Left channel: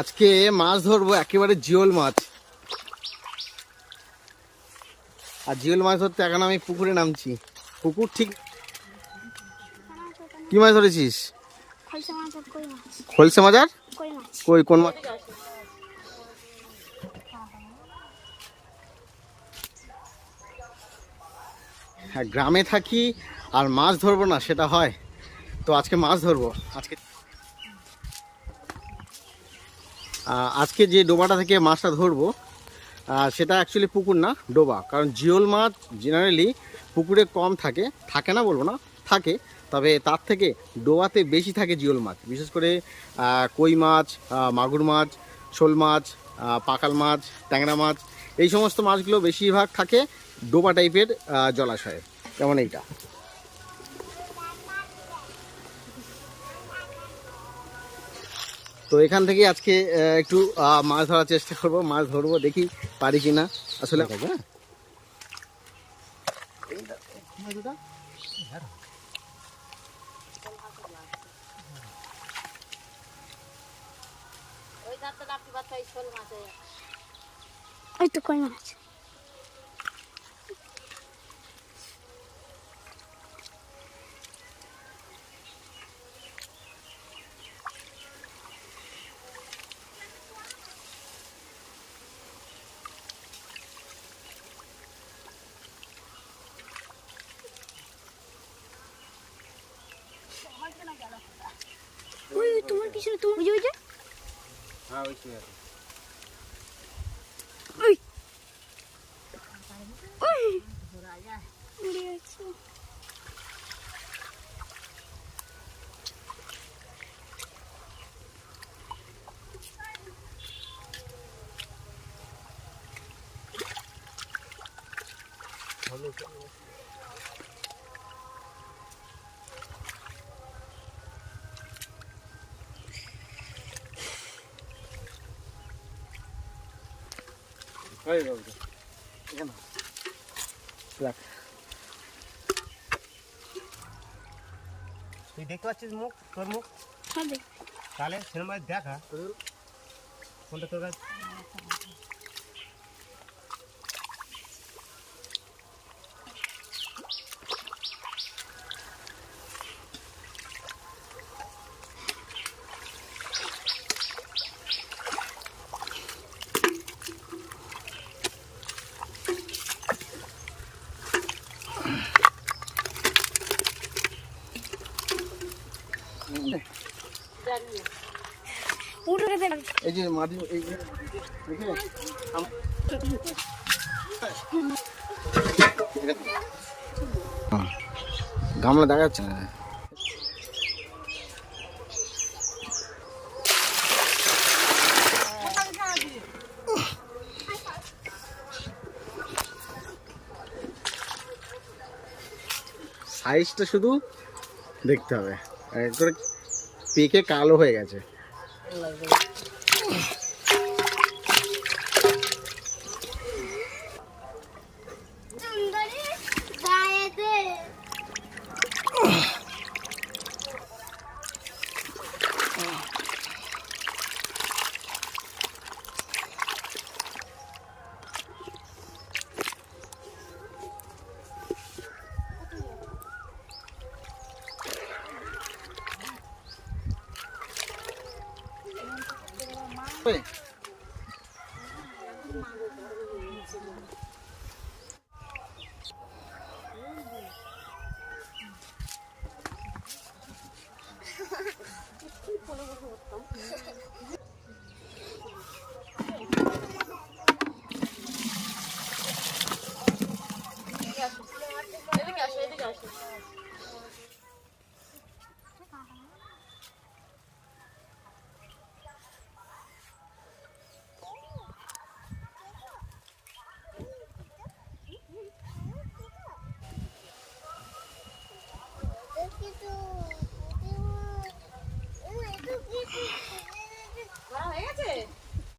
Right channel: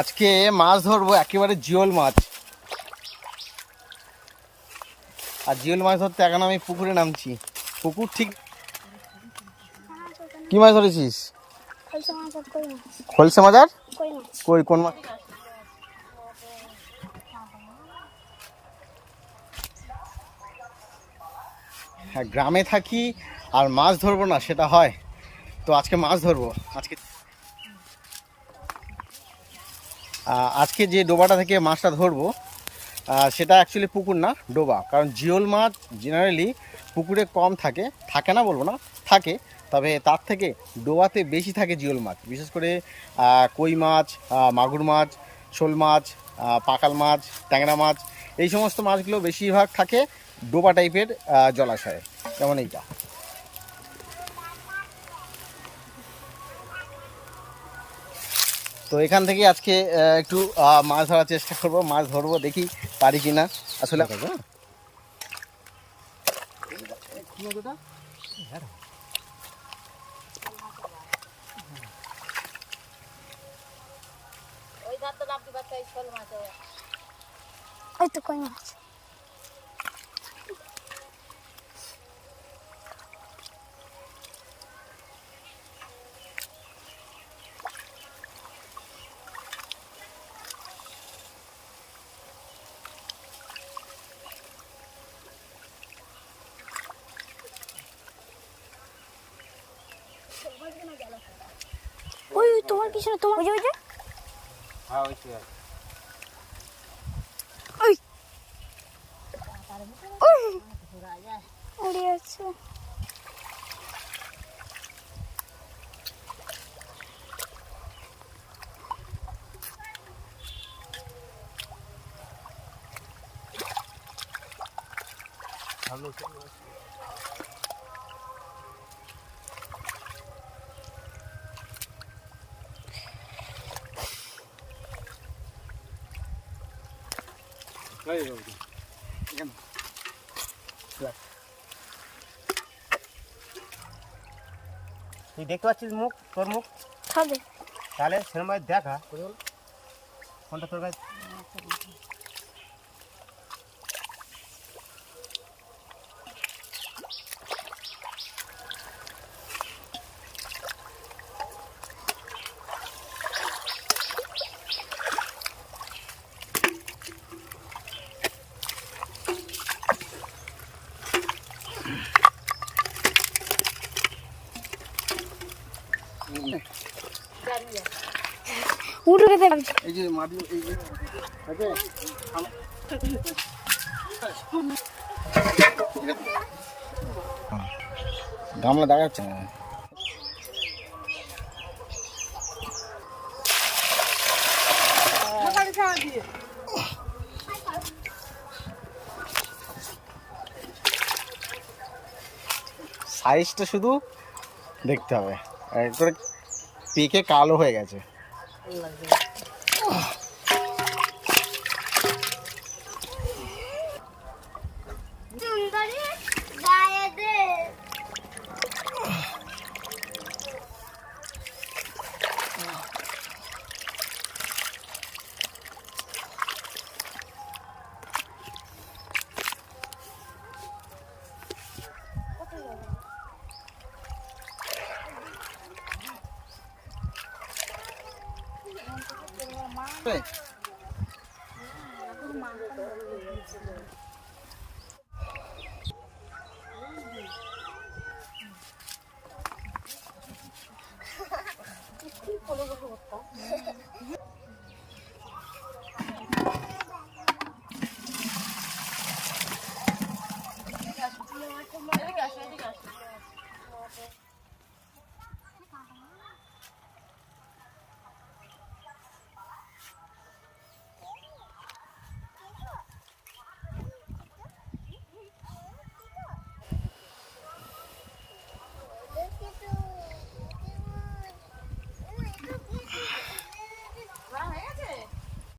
আজকে মাছ ধরবো একেবারে জিওল মাছ। আর জিওল মাছ ধরতে এখন আমি পুকুরে নামছি। পুকুর ঠিক কি মাছ ধরেছিস? খলসা মাছ আর কই কোন মাছ? হ্যাঁ গ্রামে থাকি আর মাছ ধরবো না সেটা হয়। তো আজকে মাছ ধরবো। আজকে আজকে যে ডোবাটা থেকে মাছটা ধরবো সেটা অ্যাকচুয়ালি পুকুর না, ডোবা। কারণ জিওল মাছ জেনারেলি পুকুরে কম থাকে থাকে না বলব না, থাকে, তবে তার থেকে ডোবাতে বেশি থাকে জিওল মাছ। বিশেষ করে কই মাছ মাগুর মাছ, শোল মাছ পাকাল মাছ, ট্যাংরা মাছ, এই সমস্ত মাছগুলো বেশিরভাগ থাকে ডোবা টাইপের জলাশয়ে। যেমন এইটা। তো এখান থেকে আজকে একটু মাছ ধরার চেষ্টা করব মাছ ধরবো দেখি পারি কি না আসলে হ্যাঁ ওই তো কই মাছ? ওই ওই তোমার কিছু না তোমার ওই যে ওই যে? হ্যাঁ ওই শুয়ে আছে ওই। ওই। উড়ে আছে। ওই, ওই, ওই। এখানে। রাখ। তুই দেখতে পাচ্ছিস মুখ? তোর মুখ? খাবে তাহলে সিনেমায় দেখা। কোনটা তোর কাছে গামলা দেখা যাচ্ছে না সাইজটা শুধু দেখতে হবে। পেকে কালো হয়ে গেছে। 네.